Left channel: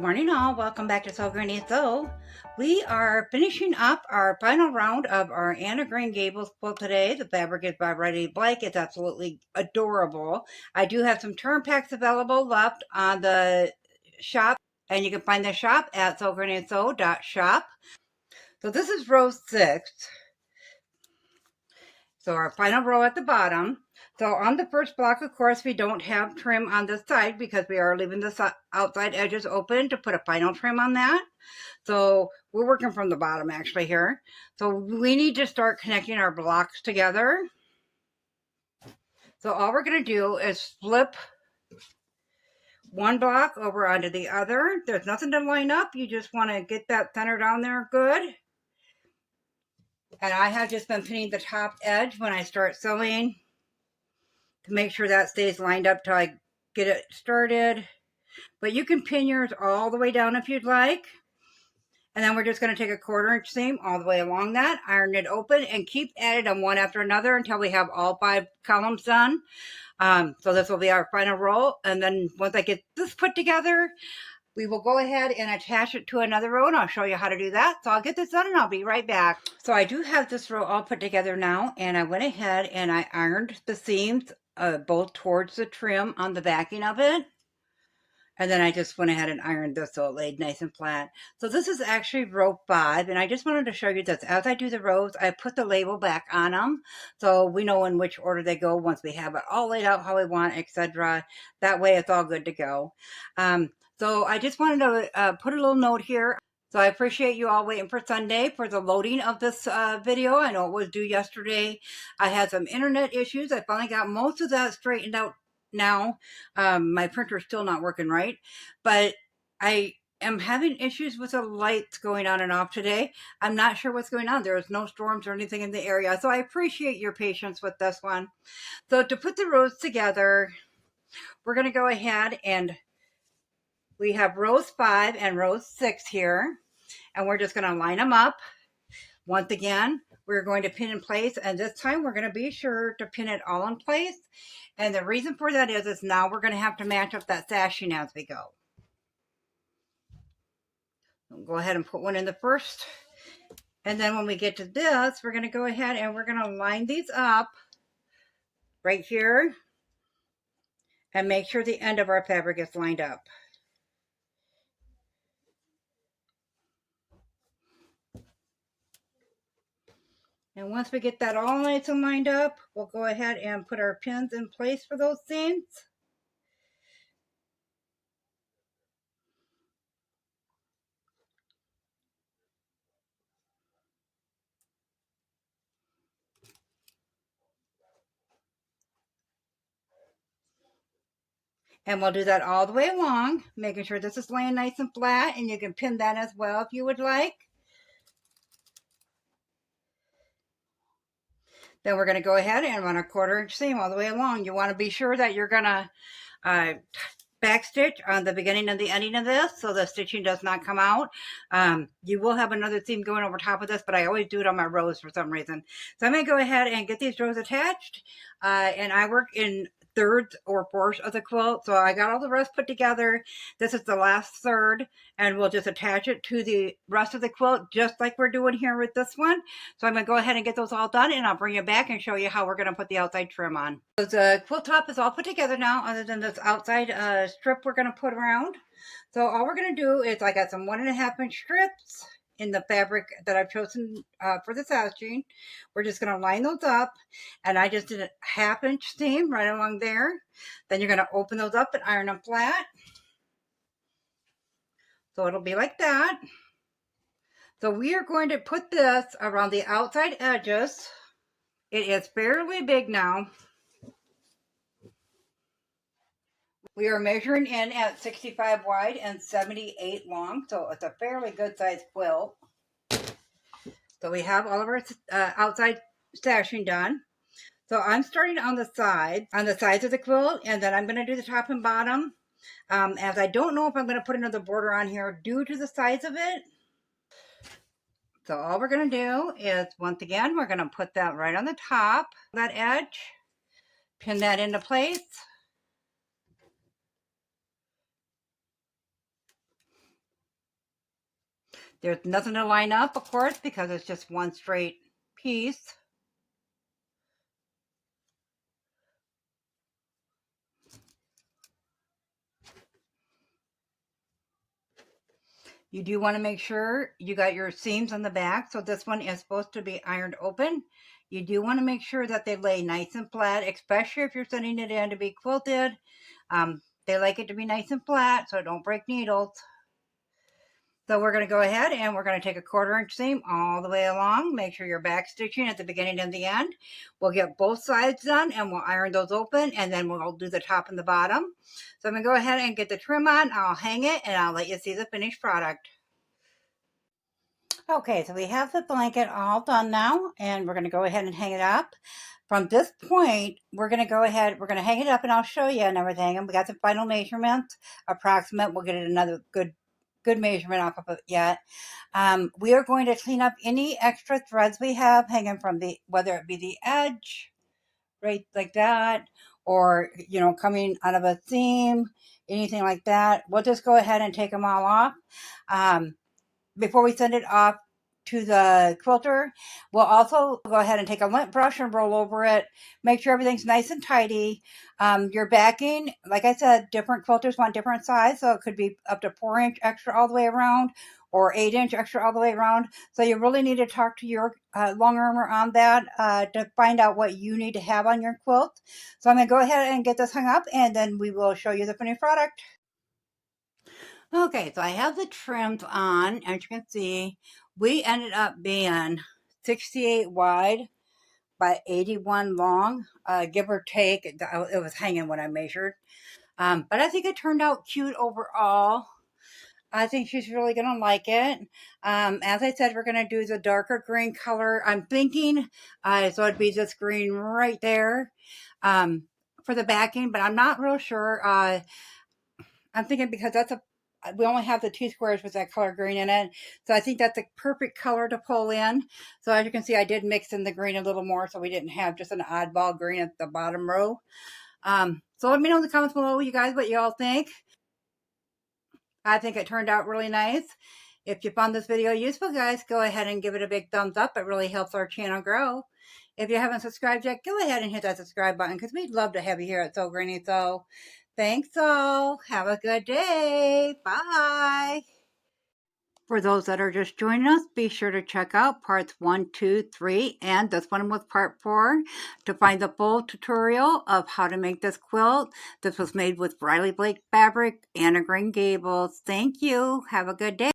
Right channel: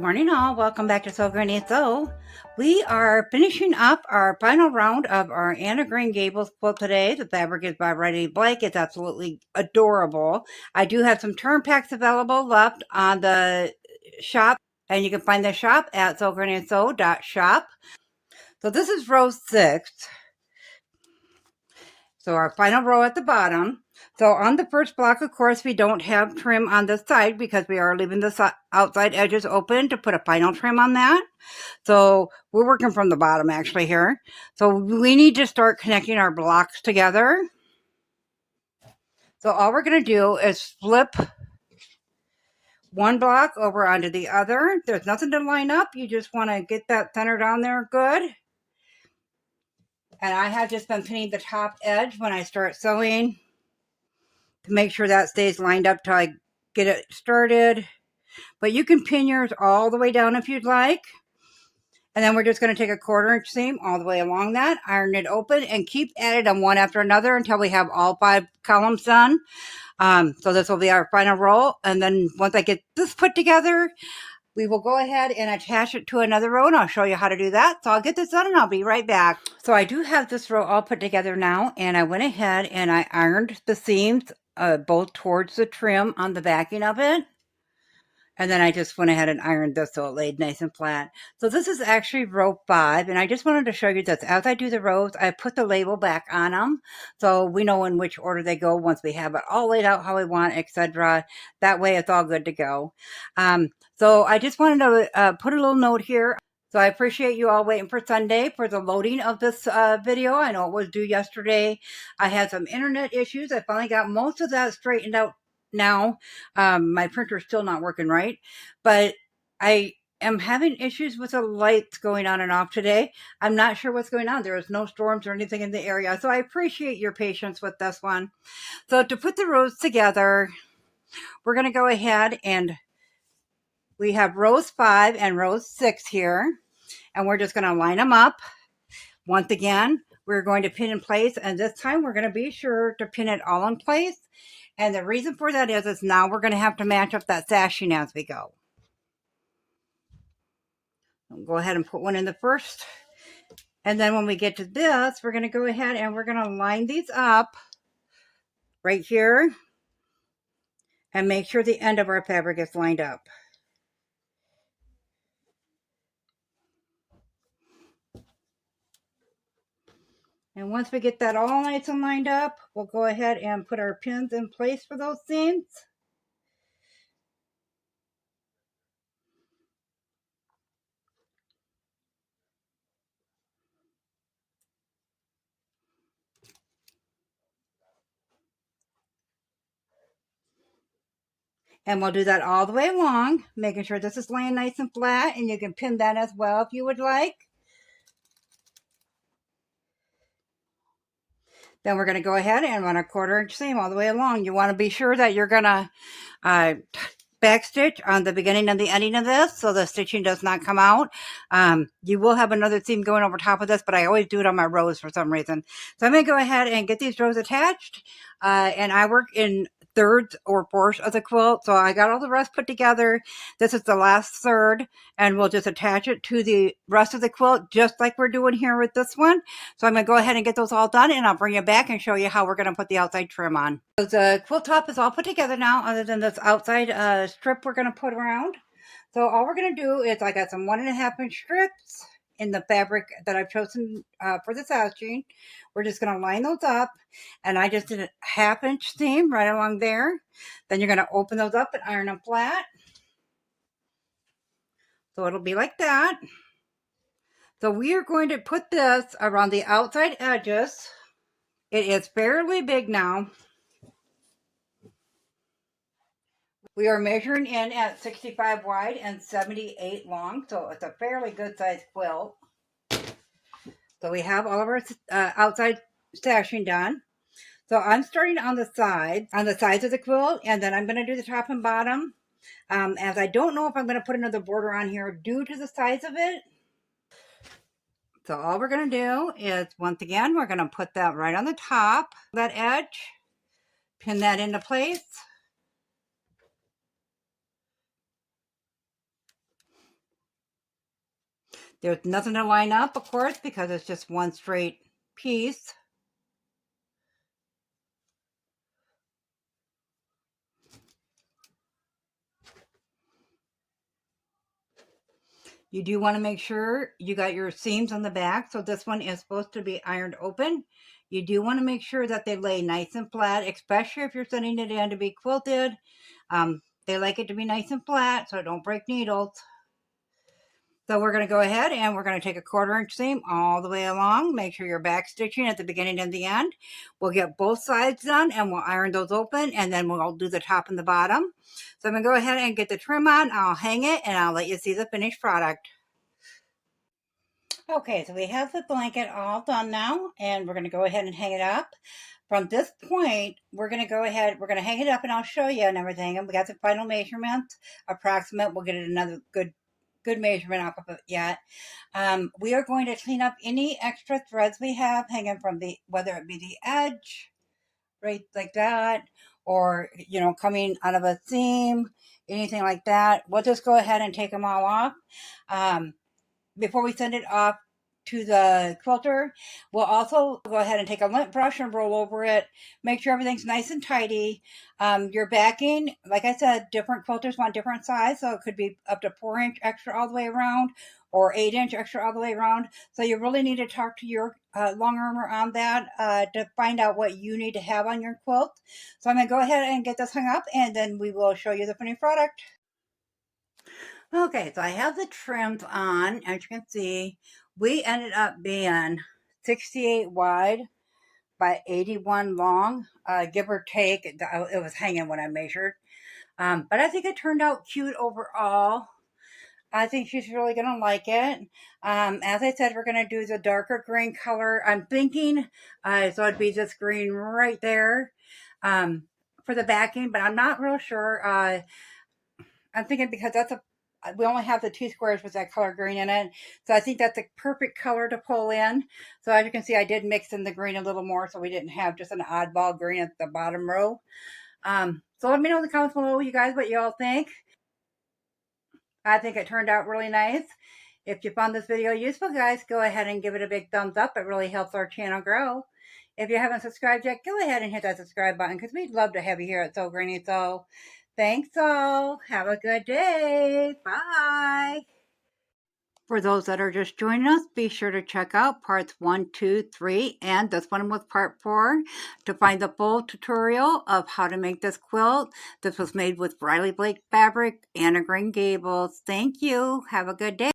Good morning all, welcome back to Sew Granny Sew. We are finishing up our final round of our Anne of Green Gables quilt today. The fabric is by RBD Blake. It's absolutely adorable. I do have some turn packs available left on the shop, and you can find the shop at sewgrannysew.shop. So this is row 6. So our final row at the bottom. So on the first block, of course, we don't have trim on this side because we are leaving the outside edges open to put a final trim on that. So we're working from the bottom actually here. So we need to start connecting our blocks together. So all we're going to do is flip one block over onto the other. There's nothing to line up. You just want to get that center down there good. And I have just been pinning the top edge when I start sewing to make sure that stays lined up till I get it started. But you can pin yours all the way down if you'd like. And then we're just going to take a 1/4 inch seam all the way along that, iron it open, and keep at it on one after another until we have all 5 columns done. So this will be our final row. And then once I get this put together, we will go ahead and attach it to another row, and I'll show you how to do that. So I'll get this done and I'll be right back. So I do have this row all put together now, and I went ahead and I ironed the seams both towards the trim on the backing of it. And then I just went ahead and ironed this so it laid nice and flat. So this is actually row 5, and I just wanted to show you this. As I do the rows, I put the label back on them, so we know in which order they go once we have it all laid out how we want, etc. That way it's all good to go. So I just wanted to put a little note here. So I appreciate you all waiting for Sunday for the loading of this video. I know it was due yesterday. I had some internet issues. I finally got most of that straightened out now. My printer's still not working right, but I am having issues with the lights going on and off today. I'm not sure what's going on. There is no storms or anything in the area, so I appreciate your patience with this one. So to put the rows together, we're going to go ahead and we have rows 5 and rows 6 here, and we're just going to line them up. Once again, we're going to pin in place, and this time we're going to be sure to pin it all in place. And the reason for that is now we're going to have to match up that sashing as we go. I'll go ahead and put one in the first. And then when we get to this, we're going to go ahead and we're going to line these up right here and make sure the end of our fabric is lined up. And once we get that all nice and lined up, we'll go ahead and put our pins in place for those seams. And we'll do that all the way along, making sure this is laying nice and flat, and you can pin that as well if you would like. Then we're going to go ahead and run a 1/4 inch seam all the way along. You want to be sure that you're going to back stitch on the beginning and the ending of this so the stitching does not come out. You will have another seam going over top of this, but I always do it on my rows for some reason. So I'm going to go ahead and get these rows attached, and I work in thirds or fourths of the quilt, so I got all the rest put together. This is the last third, and we'll just attach it to the rest of the quilt just like we're doing here with this one. So I'm going to go ahead and get those all done, and I'll bring you back and show you how we're going to put the outside trim on. So the quilt top is all put together now, other than this outside strip we're going to put around. So all we're going to do is I got some 1.5 inch strips in the fabric that I've chosen for the sashing. We're just going to line those up, and I just did a 1/2 inch seam right along there. Then you're going to open those up and iron them flat. So it'll be like that. So we are going to put this around the outside edges. It is fairly big now. We are measuring in at 65 wide and 78 long, so it's a fairly good sized quilt. So we have all of our outside stashing done. So I'm starting on the sides of the quilt, and then I'm going to do the top and bottom. As I don't know if I'm going to put another border on here due to the size of it. So all we're going to do is, once again, we're going to put that right on the top, that edge, pin that into place. There's nothing to line up, of course, because it's just one straight piece. You do want to make sure you got your seams on the back. So this one is supposed to be ironed open. You do want to make sure that they lay nice and flat, especially if you're sending it in to be quilted. They like it to be nice and flat, so don't break needles. So we're going to go ahead and we're going to take a 1/4 inch seam all the way along. Make sure you're back stitching at the beginning and the end. We'll get both sides done and we'll iron those open, and then we'll do the top and the bottom. So I'm going to go ahead and get the trim on. I'll hang it and I'll let you see the finished product. Okay, so we have the blanket all done now, and we're going to go ahead and hang it up. From this point, we're going to go ahead, we're going to hang it up and I'll show you and everything. And we got the final measurement, approximate. We'll get another good measurement off of it yet. We are going to clean up any extra threads we have hanging from the, whether it be the edge, right like that, or, you know, coming out of a seam, anything like that. We'll just go ahead and take them all off. Before we send it off to the quilter, we'll also go ahead and take a lint brush and roll over it. Make sure everything's nice and tidy. Your backing, like I said, different quilters want different size, so it could be up to 4-inch extra all the way around or 8-inch extra all the way around. So you really need to talk to your long armer on that to find out what you need to have on your quilt. So I'm going to go ahead and get this hung up, and then we will show you the finished product. Okay, so I have the trims on. As you can see, we ended up being 68 wide by 81 long, give or take. It was hanging when I measured. But I think it turned out cute overall. I think she's really going to like it. As I said, we're going to do the darker green color. I'm thinking, so it'd be this green right there for the backing, but I'm not real sure. I'm thinking because we only have the 2 squares with that color green in it. So I think that's a perfect color to pull in. So as you can see, I did mix in the green a little more so we didn't have just an oddball green at the bottom row. So let me know in the comments below, you guys, what you all think. I think it turned out really nice. If you found this video useful, guys, go ahead and give it a big thumbs up. It really helps our channel grow. If you haven't subscribed yet, go ahead and hit that subscribe button because we'd love to have you here at So Greeny So. Thanks all. Have a good day. Bye. For those that are just joining us, be sure to check out parts 1, 2, 3, and this one was part 4 to find the full tutorial of how to make this quilt. This was made with Riley Blake fabric, Anne of Green Gables. Thank you. Have a good day.